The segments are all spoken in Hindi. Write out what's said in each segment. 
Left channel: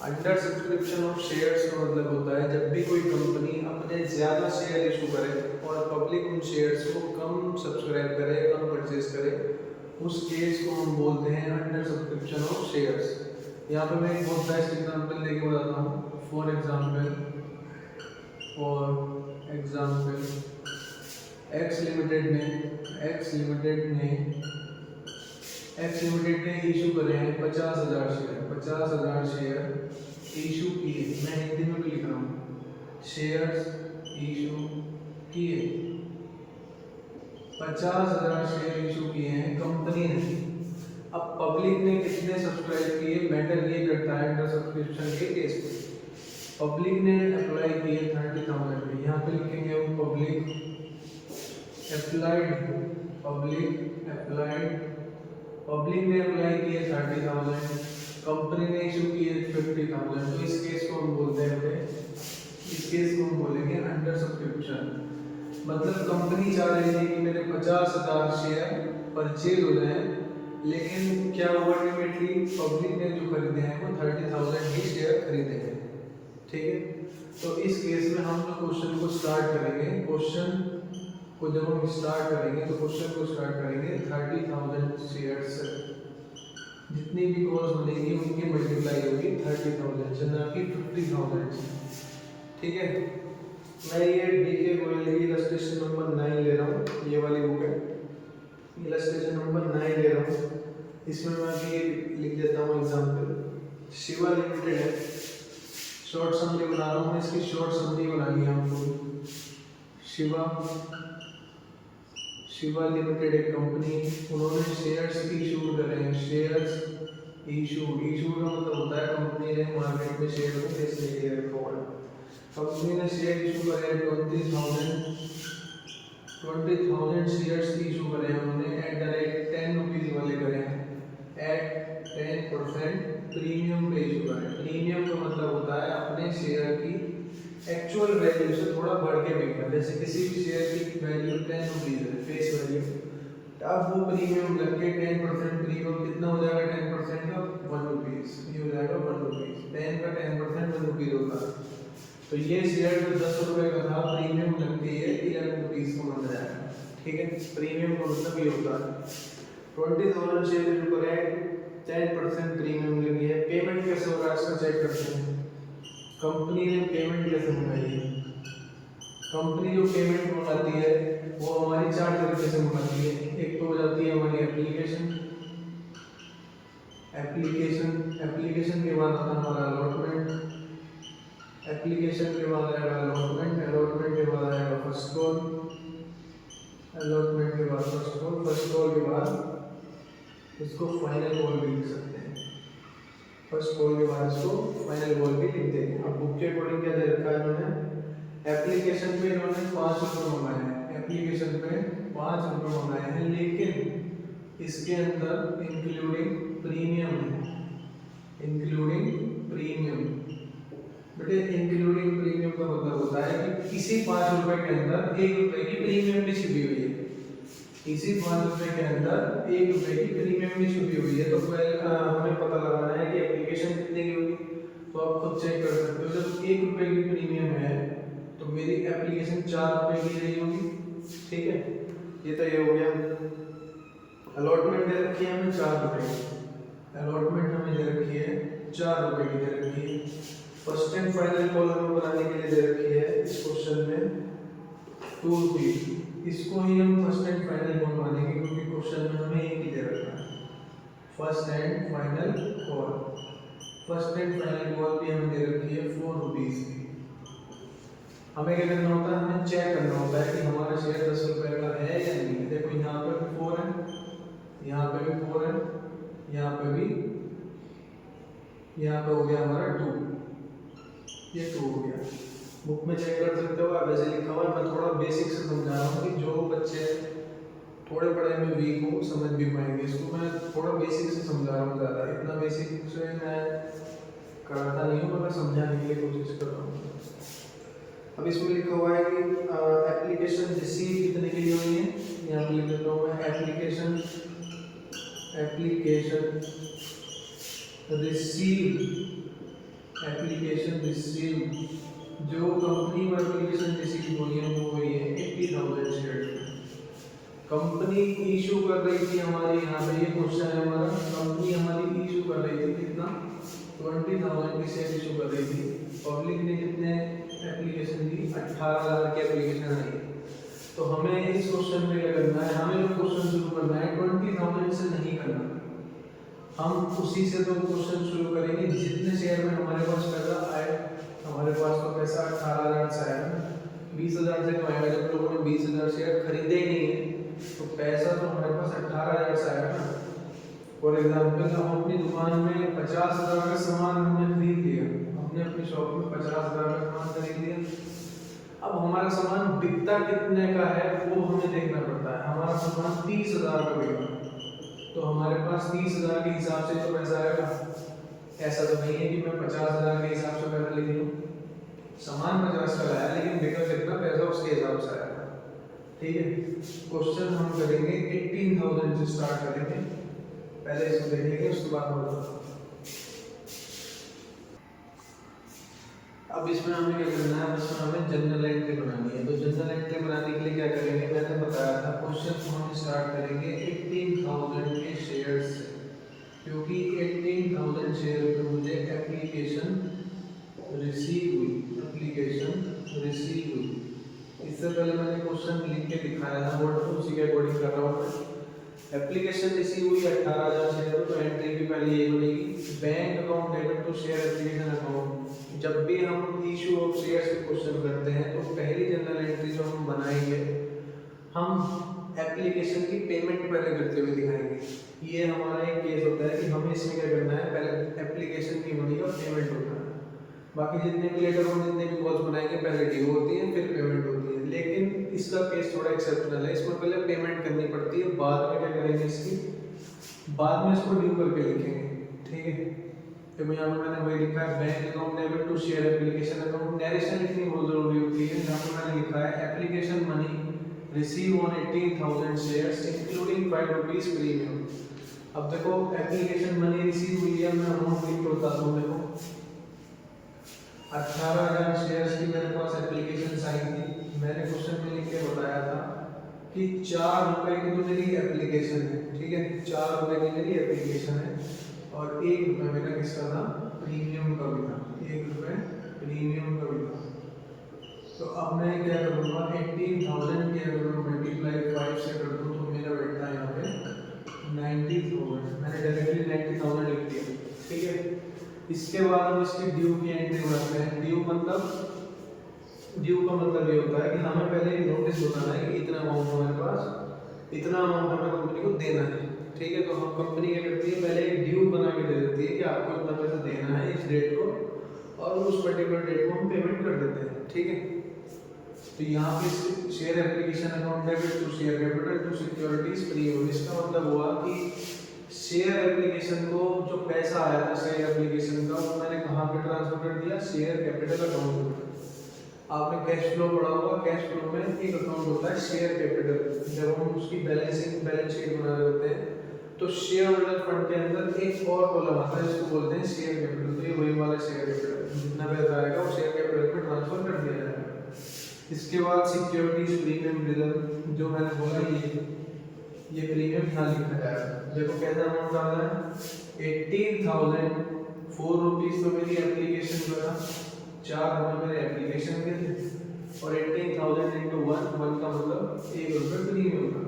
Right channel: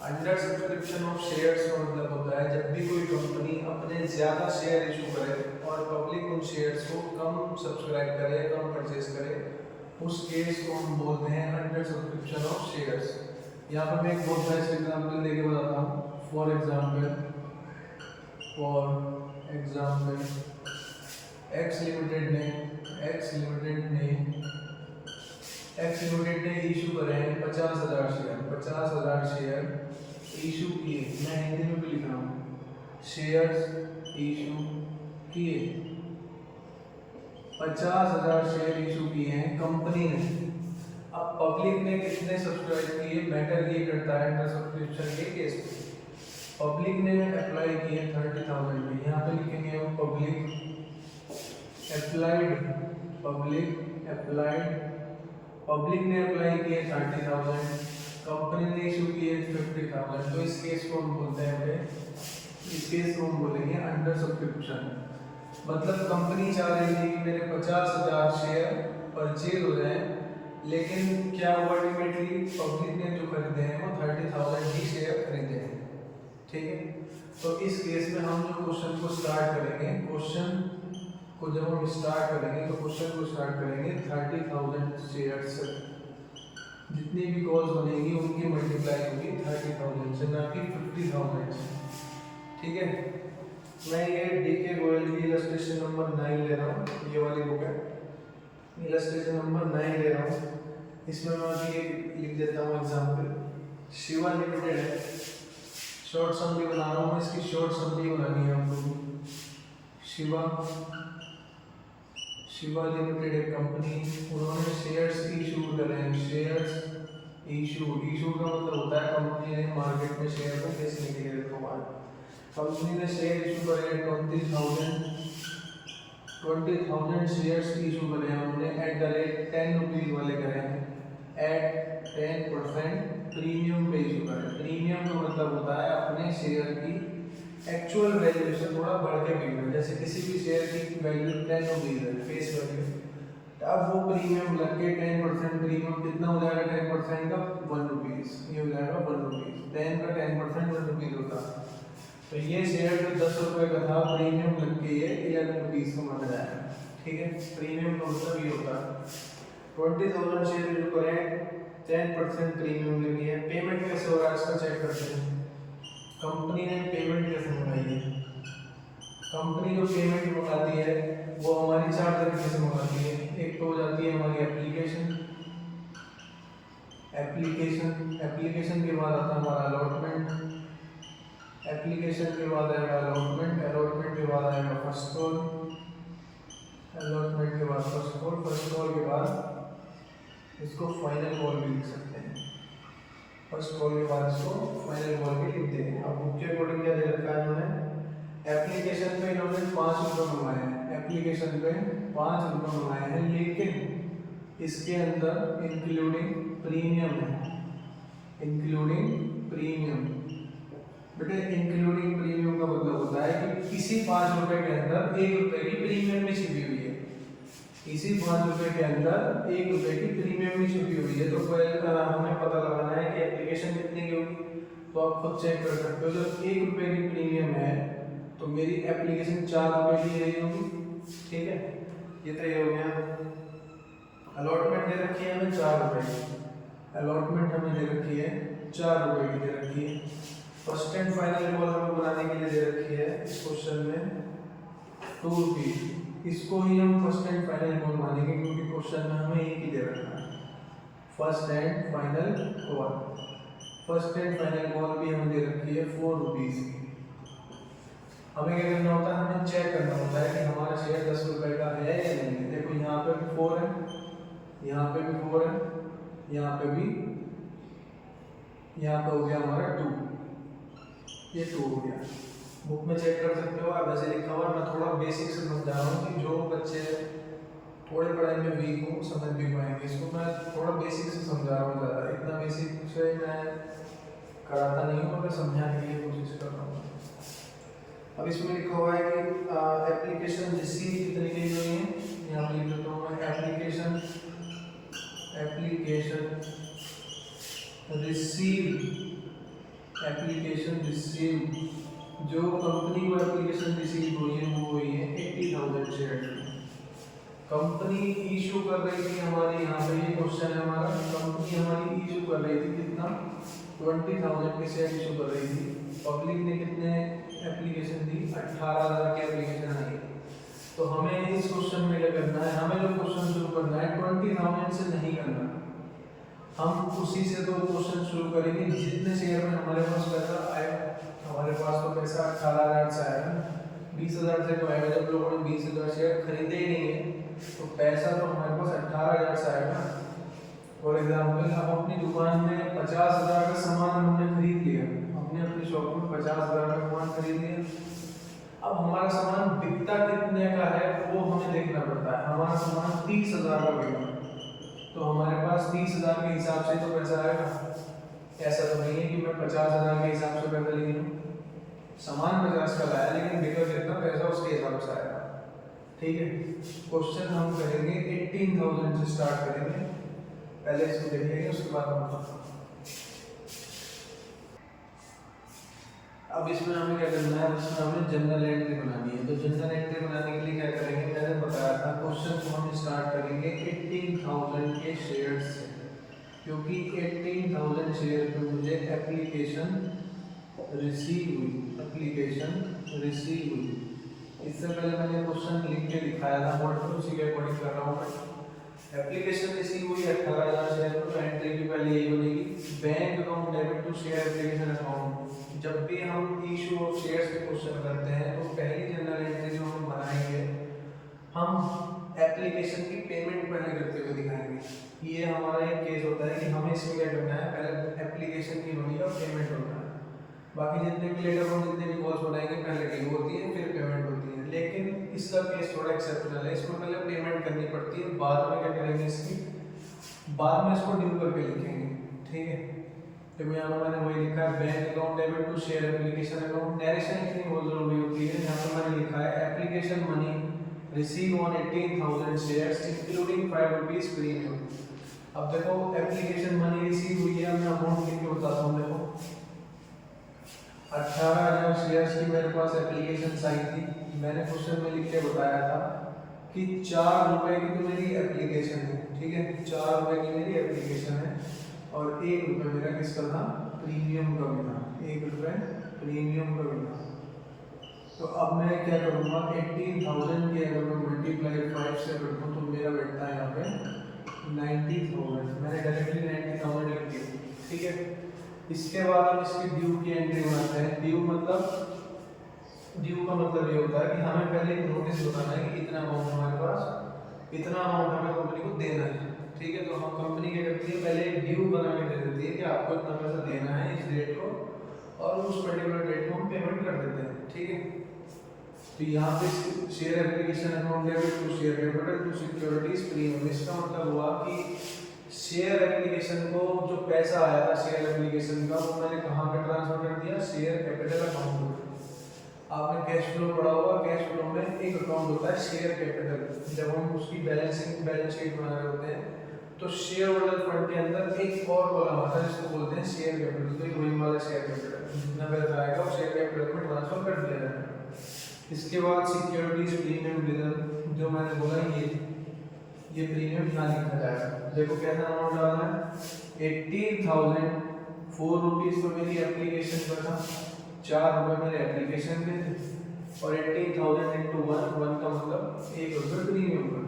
अंडर सब्सक्रिप्शन ऑफ शेयर्स का मतलब होता है जब भी कोई कंपनी अपने ज़्यादा शेयर इशू करे और पब्लिक उन शेयर्स को कम सब्सक्राइब करे, कम परचेज करे, उस केस को हम बोलते हैं अंडर सब्सक्रिप्शन ऑफ शेयर्स। यहाँ पे मैं एक बहुत बेस्ट एग्जांपल देके बताता हूँ। फॉर एग्जांपल एक्स लिमिटेड ने इशू करे हैं 50,000 शेयर इशू किए। मैं हिंदी में भी लिख रहा हूँ, शेयर्स इशू किए, 50,000 शेयर इशू किए हैं कंपनी ने। अब पब्लिक ने कितने सब्सक्राइब किए मैटर ये करता है अंडर सब्सक्रिप्शन के केस में। पब्लिक ने अप्लाई किए 30,000 में, यहाँ पे लिखेंगे हम पब्लिक ने अप्लाई किए 30,000, कंपनी ने इशू किए 50,000। तो इस केस को हम बोलते हैं, इस केस को हम बोलेंगे अंडर सब्सक्रिप्शन। मतलब कंपनी चाह रही थी कि मेरे 50,000 शेयर परचेज हो जाए, लेकिन क्या हुआ, अल्टीमेटली पब्लिक ने जो खरीदे हैं वो 30,000 ही शेयर खरीदे हैं। ठीक है, तो इस केस में हम जो क्वेश्चन को स्टार्ट करेंगे, जब हम स्टार्ट करेंगे तो क्वेश्चन को स्टार्ट करेंगे 30,000 शेयर से। जितनी भी कॉस्ट बनेगी उनकी मल्टीप्लाई होगी 30,000 से, ना कि 50,000 से। ठीक है, मैं ये DK गोयल की इलस्ट्रेशन नंबर 9 ले रहा हूँ, ये वाली बुक है, इलस्ट्रेशन नंबर 9 ले रहा हूँ। इसमें मैं अभी लिख देता हूँ एग्जाम्पल। शिवा लिमिटेड है, शॉर्ट समरी बना रहा हूँ, इसकी शॉर्ट समरी बनानी है हमको। शिवा लिमिटेड एक कंपनी, उन्होंने शेयर्स इशू करे हैं। शेयर्स इशू का मतलब होता है कंपनी ने मार्केट में शेयर को बेचने के लिए रखा हुआ है। कंपनी ने शेयर इशू करे हैं 20,000 शेयर्स इशू करे हैं उन्होंने एट द रेट 10 रुपीज़ वाले करे हैं, एट 10% प्रीमियम पे इशू करें। प्रीमियम का मतलब होता है अपने शेयर की एक्चुअल वैल्यू से थोड़ा बढ़ के बिकना। जैसे किसी भी शेयर की वैल्यू 10 रुपीज़ है फेस वैल्यू, अब वो प्रीमियम लग के 10% प्रीमियम कितना हो जाएगा, 10% का 1 रुपीज़, ये हो जाएगा 1 रुपीज़। 10 का 10% 1 रुपीज़ होता है। तो ये शेयर जो 10 रुपये का था प्रीमियम लग के ये 11 रुपीज़ का माना जाएगा। ठीक है, प्रीमियम का मतलब ये होता है 20,000 शेयर जो करें 10% प्रीमियम लगी है। पेमेंट कैसे हो रहा है इसका चेक करते हैं। कंपनी ने पेमेंट कैसे मंगाई है, कंपनी जो पेमेंट मंगाती है वो हमारी 4 तरीके से मंगाती है। एक तो हो जाती है हमारी एप्लीकेशन के बाद आता है हमारा अलॉटमेंट, एप्लीकेशन के बाद आएगा अलॉटमेंट के बाद आएगा फर्स्ट कॉल, अलॉटमेंट के बाद फर्स्ट कॉल के बाद इसको फाइनल कॉल भी लिख सकते हैं। फर्स्ट कॉल के बाद इसको फाइनल कॉल भी लिख देंगे। अब बुक के अकॉर्डिंग क्या दे रखा है इन्होंने, एप्लीकेशन पे इन्होंने 5 रुपये मंगाए हैं, एप्लीकेशन पे 5 रुपये मंगाए हैं, लेकिन इसके अंदर इंक्लूडिंग प्रीमियम है, इंक्लूडिंग प्रीमियम। बेटे इंक्लूडिंग प्रीमियम का मतलब होता है कि इसी 5 रुपये के अंदर 1 रुपये की प्रीमियम भी छिपी हुई है, इसी 5 रुपये के अंदर 1 रुपये की प्रीमियम भी छुपी हुई है। तो हमें पता लगाना है कि एप्लीकेशन कितने की होगी, तो आप खुद चेक कर सकते हो। जब 1 रुपये की प्रीमियम है तो मेरी एप्लीकेशन 4 रुपये की रही होगी। ठीक है, ये तो ये हो गया। अलॉटमेंट दे रखी है हमें 4 रुपये की, अलॉटमेंट हमें दे रखी है 4 रुपये की दे रखी है। फर्स्ट एंड फाइनल कॉल हमें बनाने के लिए दे रखी है इस क्वेश्चन में 2 रुपीज़। इसको ही हम फर्स्ट एंड फाइनल कॉल मानेंगे क्योंकि क्वेश्चन में हमें एक ही दे रखा है first and final call. First and final call भी हमें दे रखी है 4 रुपीज़ की। हमें क्या करना होता है, हमें चेक करना होता है कि हमारा शेयर 10 रुपये का है या नहीं है। देखो यहाँ पे भी 4 है, यहाँ पे भी 4 है, यहाँ पे भी, यहाँ पे हो गया हमारा 2, ये 2 हो गया। बुक में चेक कर सकते हो आप, वैसे लिखा हुआ है। मैं थोड़ा बेसिक से समझा रहा हूँ कि जो बच्चे थोड़े पढ़ाई में वीक हो समझ भी पाएंगे इसको। मैं थोड़ा बेसिक से समझा रहा हूँ, ज़्यादा इतना बेसिक से मैं कराता नहीं हूँ, मैं समझाने के लिए कोशिश कर रहा हूँ। अब इसमें लिखा हुआ है कि एप्लीकेशन रिसीव कितने के लिए हुई है, यहाँ पर लिख देता हूँ मैं एप्लीकेशन रिसीव एप्लीकेशन रिसीव, जो कंपनी को एप्लीकेशन रिसीव हुई है वो हुई है 80,000 शेयर। कंपनी इशू कर रही थी हमारे यहाँ पे, ये क्वेश्चन है हमारा, कंपनी हमारी इशू कर रही थी कितना, 20,000 के शेयर इशू कर रही थी। पब्लिक ने कितने एप्लीकेशन दी, 18,000 की एप्लीकेशन आई। तो हमें इस क्वेश्चन में क्या करना है, हमें जो क्वेश्चन शुरू करना है 20,000 से नहीं करना, हम उसी से तो क्वेश्चन शुरू करेंगे जितने शेयर में हमारे पास पैसा आए। हमारे पास तो पैसा 18,000 से आएगा ना, 20,000 से तो आएगा, जब लोगों ने 20,000 शेयर खरीदे ही नहीं है तो पैसा तो हमारे पास 18,000 से आएगा ना। फॉर एग्जाम्पल हम अपनी दुकान में 50,000 का सामान हमने खरीद लिया, हमने अपनी शॉप में 50,000 का सामान खरीद लिया। अब हमारा सामान बिकता कितने का है वो हमें देखना पड़ता है। हमारा सामान 30,000 का बिका तो हमारे पास 30,000 के हिसाब से तो पैसा आएगा। ऐसा तो नहीं है कि मैं 50,000 के हिसाब से पैसा ले लूँ, सामान 50 का लाया लेकिन बिका कितना, पैसा उसके हिसाब से आएगा। ठीक है, क्वेश्चन हम करेंगे 18,000 से स्टार्ट करेंगे, पहले इसको देख लेंगे उसके बाद हम बताते हैं। अब इसमें हमें क्या करना है, इसमें हमें जनरल एंट्री बनानी है। तो जनरल एंट्री बनाने के लिए क्या करेंगे, मैंने बताया था क्वेश्चन को हम स्टार्ट करेंगे 18,000 के शेयर से, क्योंकि 18,000 शेयर पे मुझे एप्लीकेशन रिसीव हुई, एप्लीकेशन रिसीव हुई। इससे पहले मैंने क्वेश्चन लिख के दिखाया था, वर्ड उसी के अकॉर्डिंग कर रहा हूँ। एप्लीकेशन रिसीव हुई 18,000 शेयर, तो एंट्री की पहले ये बनेगी, bank account debit to share application account. जब भी हम इशू ऑफ शेयर्स के क्वेश्चन करते हैं तो पहली जनरल एंट्री जो हम बनाएंगे, हम एप्लीकेशन की पेमेंट पहले करते हुए दिखाएंगे। ये हमारा एक केस होता है कि हमें इसमें क्या करना है, पहले एप्लीकेशन की मनी का पेमेंट होता है। बाकी जितने भी लेटर और जितने भी कॉल्स बनाएंगे पहले ड्यू होती है फिर पेमेंट होती है, लेकिन इसका केस थोड़ा एक्सेप्शनल है, इसमें पहले पेमेंट करनी पड़ती है, बाद में क्या करेंगे, इसकी बाद में इसको ड्यू करके लिखेंगे। ठीक है, तो यहाँ पर मैंने वही लिखा है, bank account debit to share application account. Narration लिखनी बहुत जरूरी होती है, यहाँ पर मैंने लिखा है application money receive on 18,000 shares including 5 rupees premium. अब देखो एप्लीकेशन मनी रिसीव हुई है, मैं अमाउंट लिख के बता दूँ, देखो 18,000 शेयर्स की मेरे पास एप्लीकेशन आई थी। मैंने क्वेश्चन में लिख के बताया था कि 4 रुपए की तो मेरी एप्लीकेशन है, ठीक है, 4 रुपए की मेरी एप्लीकेशन है और 1 रुपये मेरा किसका था, प्रीमियम का भी था, 1 रुपये प्रीमियम का भी था। तो अब मैं क्या करूँगा, 18,000 के अगर मैं मल्टीप्लाई 5 से कर दूँ तो मेरा बैठता है यहाँ पे 90,000। मैंने डायरेक्टली 90,000 लिख दिया। ठीक है, इसके बाद हम इसकी ड्यू की एंट्री बनाते हैं। ड्यू का मतलब ये होता है कि हमें पहले नोटिस बताना है कि इतना अमाउंट हमारे पास, इतना अमाउंट हमें कंपनी को देना है। ठीक है, तो हम कंपनी क्या करती है, पहले ड्यू बना के दे देती है कि आपको इतना पैसा देना है इस डेट को, और उस पर्टिकुलर डेट को हम पेमेंट कर देते हैं। ठीक है, तो यहाँ पे share application account debit to share capital to securities premium. इसका मतलब हुआ कि शेयर एप्लीकेशन को जो पैसा आया था शेयर एप्लीकेशन का, वो मैंने कहाँ पे ट्रांसफर कर दिया, शेयर कैपिटल अकाउंट में। आपने कैश फ्लो पढ़ा होगा, कैश फ्लो में एक अकाउंट होता है शेयर कैपिटल। जब हम उसकी बैलेंस शीट बना रहे होते हैं तो शेयर होल्डर फंड के अंदर एक और कॉलम आता है, इसको बोलते हैं शेयर कैपिटल। तो ये वही वाला शेयर कैपिटल, जितना पैसा आएगा वो शेयर कैपिटल में ट्रांसफर कर दिया जाएगा। इसके बाद सिक्योरिटीज प्रीमियम रिजर्व, जो मैंने बोला ये प्रीमियम यहाँ लिखा जाएगा। देखो कैसा अमाउंट डालना है, 18,000, 4 रुपीज़ तो मेरी एप्लीकेशन का था, 4 रुपये मेरे एप्लीकेशन के थे, और 18,000 इंटू 1 का मतलब 1 रुपये प्रीमियम का।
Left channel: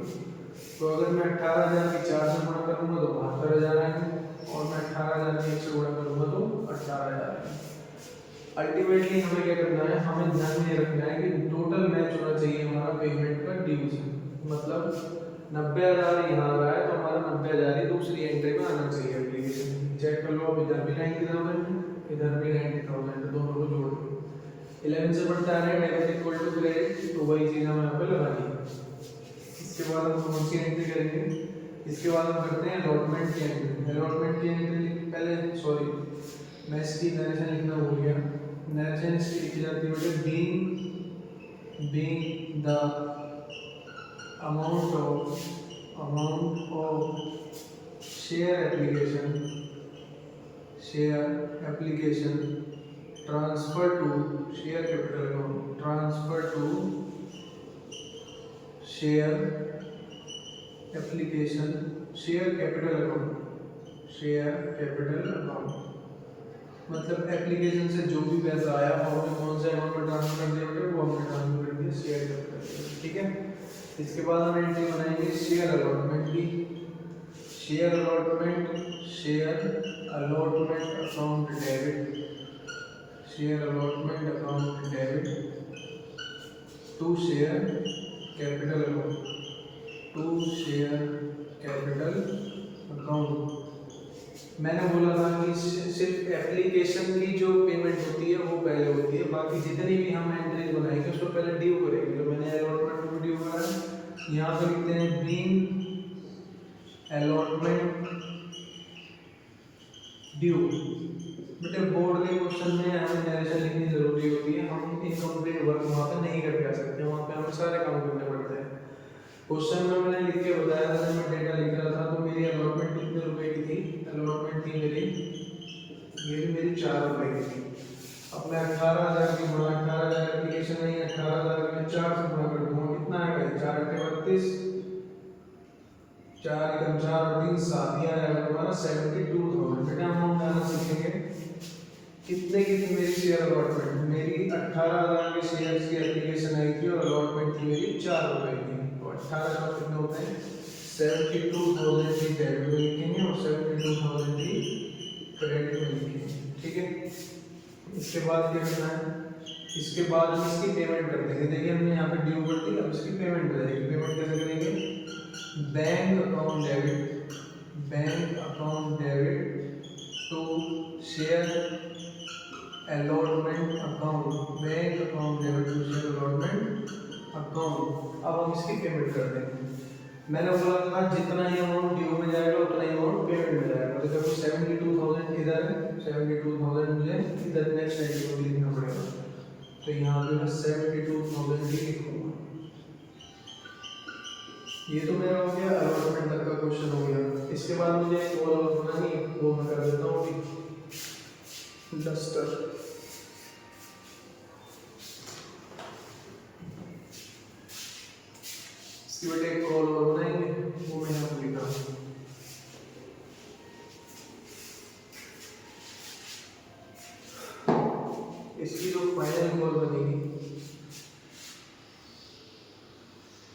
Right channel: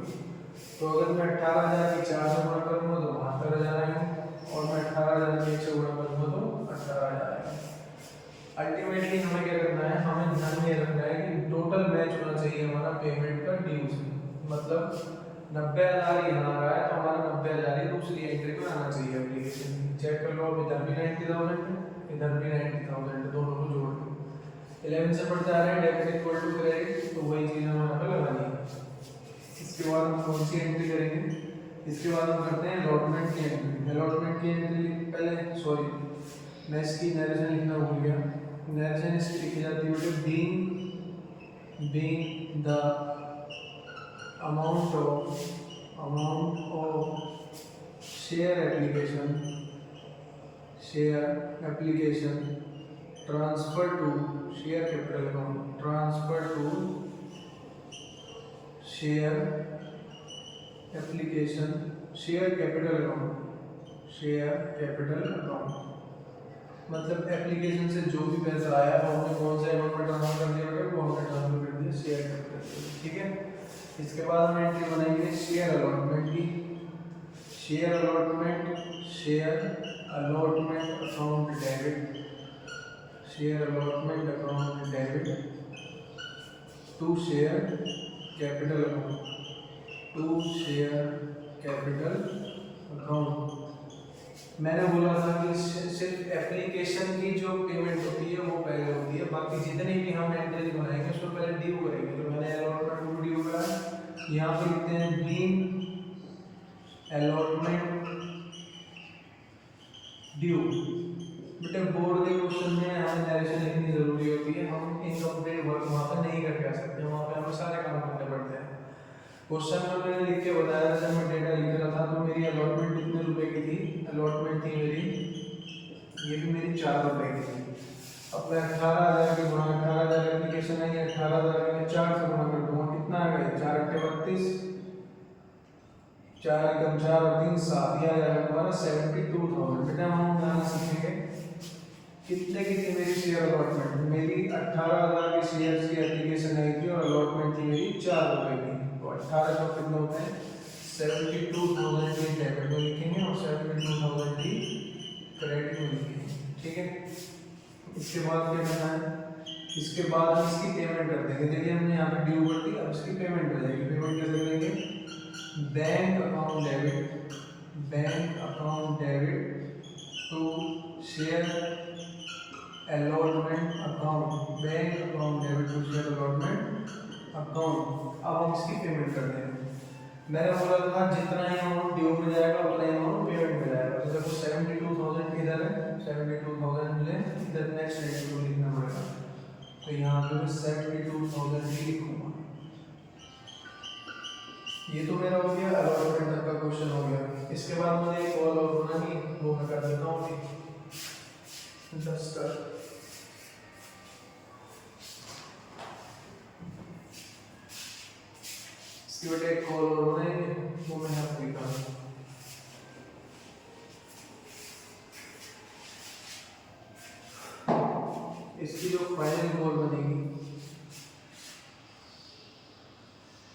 तो अगर मैं 18,000 की 4 से गुणा करूँगा तो 72,000 आएंगे, और मैं 18,000 की 1 से गुणा करूँगा तो 18,000 आएंगे। अल्टीमेटली हमें क्या करना है, हमें ध्यान में रखना है कि टोटल मैच होना चाहिए हमारा पेमेंट का ड्यू से। मतलब 90,000 यहाँ आ रहा है तो हमारा 90,000 ही दूसरी एंट्री में आना चाहिए एप्लीकेशन। चेक कर लो, इधर भी 90,000 है, इधर भी 90,000 है, दोनों को जोड़ के 11 से बढ़ते आ रहे हैं, डेबिट इक्वल टू क्रेडिट, तो वही चीज़ हमें यहाँ पे लगानी है। इसके बाद हम कौन सी एंट्री करेंगे, इसके बाद हम करते हैं अलॉटमेंट की एंट्री। अलॉटमेंट की एंट्री पहले, सॉरी मैं इसकी नरेशन लिखना भूल गया। नरेशन इसकी लिखी जाती है being the amount of share application transfer to share capital account, transfer to share application, share capital account, share capital account मतलब एप्लीकेशन से जो भी पैसा आया हमने कौन से अकाउंट में ट्रांसफर कर दिया बेटा, वो हमने ट्रांसफर कर दिया शेयर कैपिटल। ठीक है, इसके बाद हम एंट्री बनाएंगे शेयर अलॉटमेंट की, share allotment, share allotment account debit, share allotment account debit to share capital account, to share capital account. मैंने बोला था कि सिर्फ एप्लीकेशन की जो पेमेंट होती है वो पहले होती है, बाकी जितने भी हम एंट्रीज बनाएंगे उसको पहले ड्यू करेंगे। तो मैंने अलॉटमेंट को ड्यू बनाया, यहाँ पर लिखते हैं बीइंग अलॉटमेंट ड्यू। बेटे बोर्ड के क्वेश्चन में हमें नरेशन लिखनी जरूरी होती है, हम इनकम्प्लीट वर्क वहाँ पे नहीं करके आ सकते, वहाँ पे हमें सारे काम करने पड़ते हैं। क्वेश्चन में मैंने लिख के बताया था, जब मैं डेटा लिख रहा था तो मेरी अलॉटमेंट कितने रुपए की थी, अलॉटमेंट थी मेरी, ये भी मेरी 4 रुपए की थी। अब मैं 18,000 की गुणा, 18,000 एप्लीकेशन है, 18,000 में 4 से गुणा कर दूंगा, कितना आ गया 4 × 32, 4 × 4 और 3 7, यह आ जाएगा तुम्हारा 72,000। बेटा हम यहाँ सीखेंगे कितने की थी मेरी शेयर अलॉटमेंट, मेरी 18,000 की शेयर्स की एप्लीकेशन आई थी और अलॉटमेंट थी मेरी 4 रुपए की। तो 18 का कितना होते हैं 72,000 की डेबिट में लिखेंगे और 72,000 की क्रेडिट में लिखेंगे। ठीक है, इसके बाद क्या करना है, इसके बाद हम इसकी पेमेंट कर देंगे। देखिए हमने यहाँ पे ड्यू कर दी, अब इसकी पेमेंट हो जाएगी। पेमेंट कैसे करेंगे, bank account debit, bank account debit to share allotment account, bank account debit to share allotment account. अब हम इसकी पेमेंट कर देंगे। मैंने बोला था जितना ही अमाउंट ड्यू में जाएगा उतना ही अमाउंट पेमेंट में जाएगा। तो देखो 72,000 इधर है, 72,000 मुझे इधर नेक्स्ट रेट को लिखना पड़ेगा, तो यहाँ पे मैं 72,000 ही लिखूंगा। ये तो मेरा हो गया अलॉटमेंट तक का क्वेश्चन हो गया। इसके बाद मुझे एक और बनानी है, वो मैं कर देता हूँ कि डस्टर। इसकी बेटे एक कॉल और बनाएंगे, वो मैं यहाँ पर लिखा हूँ। इसकी जो फाइनल कॉल बनेगी,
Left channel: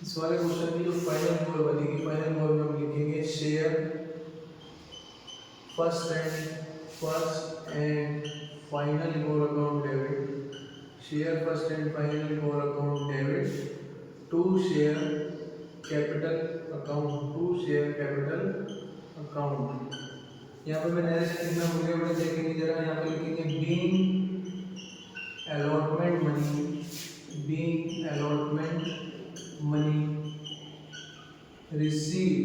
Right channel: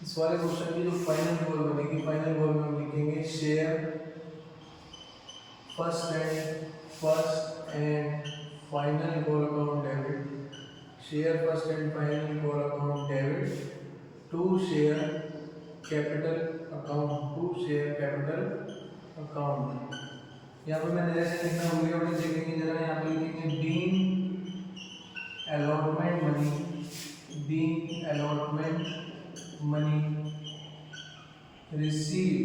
इस वाले क्वेश्चन की जो फाइनल कॉल बनेगी, फाइनल कॉल में हम लिखेंगे share first and final call account debit, share first and final call account debit to share capital account, to share capital account. यहाँ पर मैंने ऐसे लिखना भूल गया, बड़े देखेंगे जरा, यहाँ पर लिखेंगे being allotment money, being allotment money receive,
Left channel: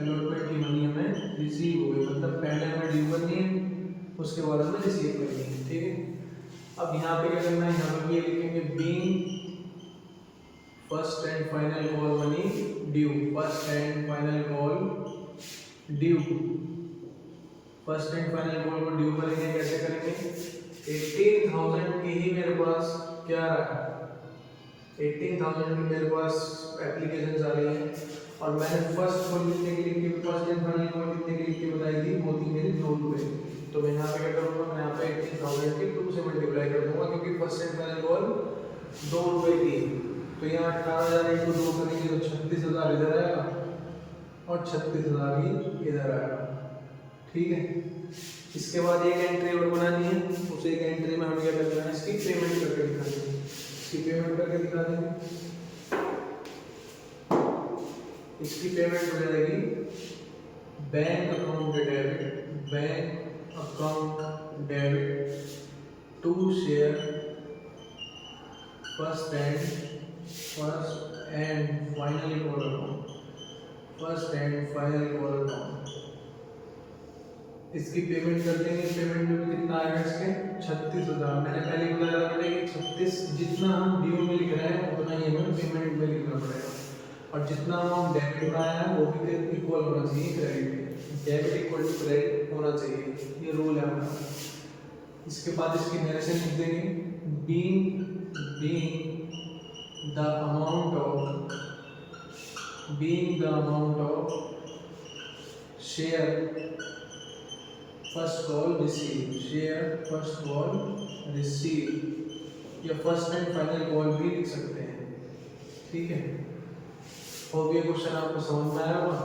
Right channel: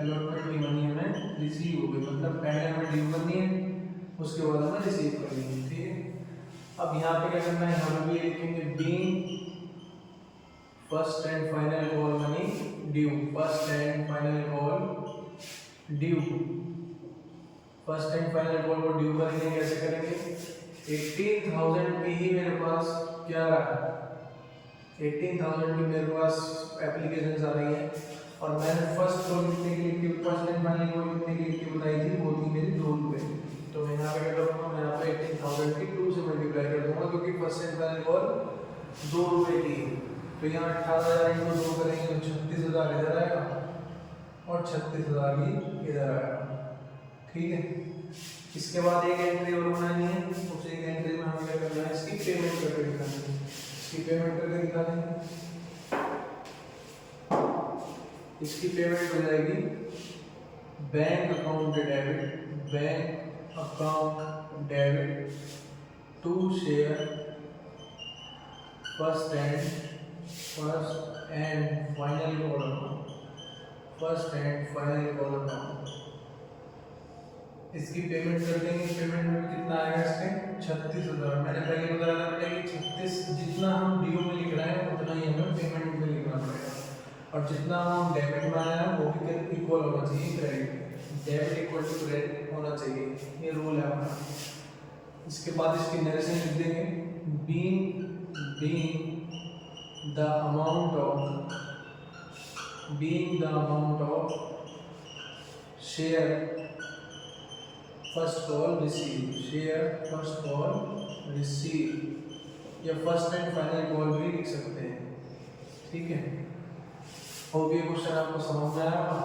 allotment की मनी हमें रिसीव हो गई, मतलब पहले हमें ड्यू करनी है, उसके बाद हमें रिसीव करनी है। ठीक है, अब यहाँ पे क्या करना है, यहाँ पर ये लिखेंगे being first and final call money due, first and final call due, first and final call को ड्यू करेंगे। कैसे करेंगे, 18,000 की ही मेरे पास क्या रहा है, 18,000 की मेरे पास एप्लीकेशंस आ रही हैं, और मैंने फर्स्ट कॉल कितने की लिख के, फर्स्ट एंड फाइनल कॉल कितने की लिख के बताई थी, वो थी मेरी 2 रुपये। तो मैं यहाँ पे क्या करूँगा, मैं यहाँ पे 18,000 की 2 से मल्टीप्लाई कर दूँगा, क्योंकि फर्स्ट एंड फाइनल कॉल 2 रुपये की। तो यहाँ 18,000 × 2 करेंगे तो 36,000 इधर आएगा और 36,000 भी इधर आएगा। ठीक है, इसके बाद एक एंट्री और बनानी है, उस एक एंट्री में हमें क्या करना है, इसकी पेमेंट करके दिखा देंगे, इसकी पेमेंट करके दिखा देंगे। इसकी पेमेंट हो जाएगी bank account debit, bank account debit to share first and final call account, first and final call account. इसकी पेमेंट कर देंगे। पेमेंट में भी कितना आएगा, इसके 36,000। मैंने पहले बताया था बेटा कि 36 जितना हम ड्यू में लिख रहे हैं उतना ही हमें पेमेंट में लिखना पड़ेगा, और जितना हम डेबिट में आया है वो भी इक्वल होना चाहिए credit, debit equal to credit होना चाहिए, ये रूल है हमारा। इसके बाद इसकी नरेशन लिख देंगे, being the amount of share first call receive, या फर्स्ट एंड फाइनल कॉल भी लिख सकते हैं। ठीक है, और ये क्वेश्चन आपको समझ में आया होगा।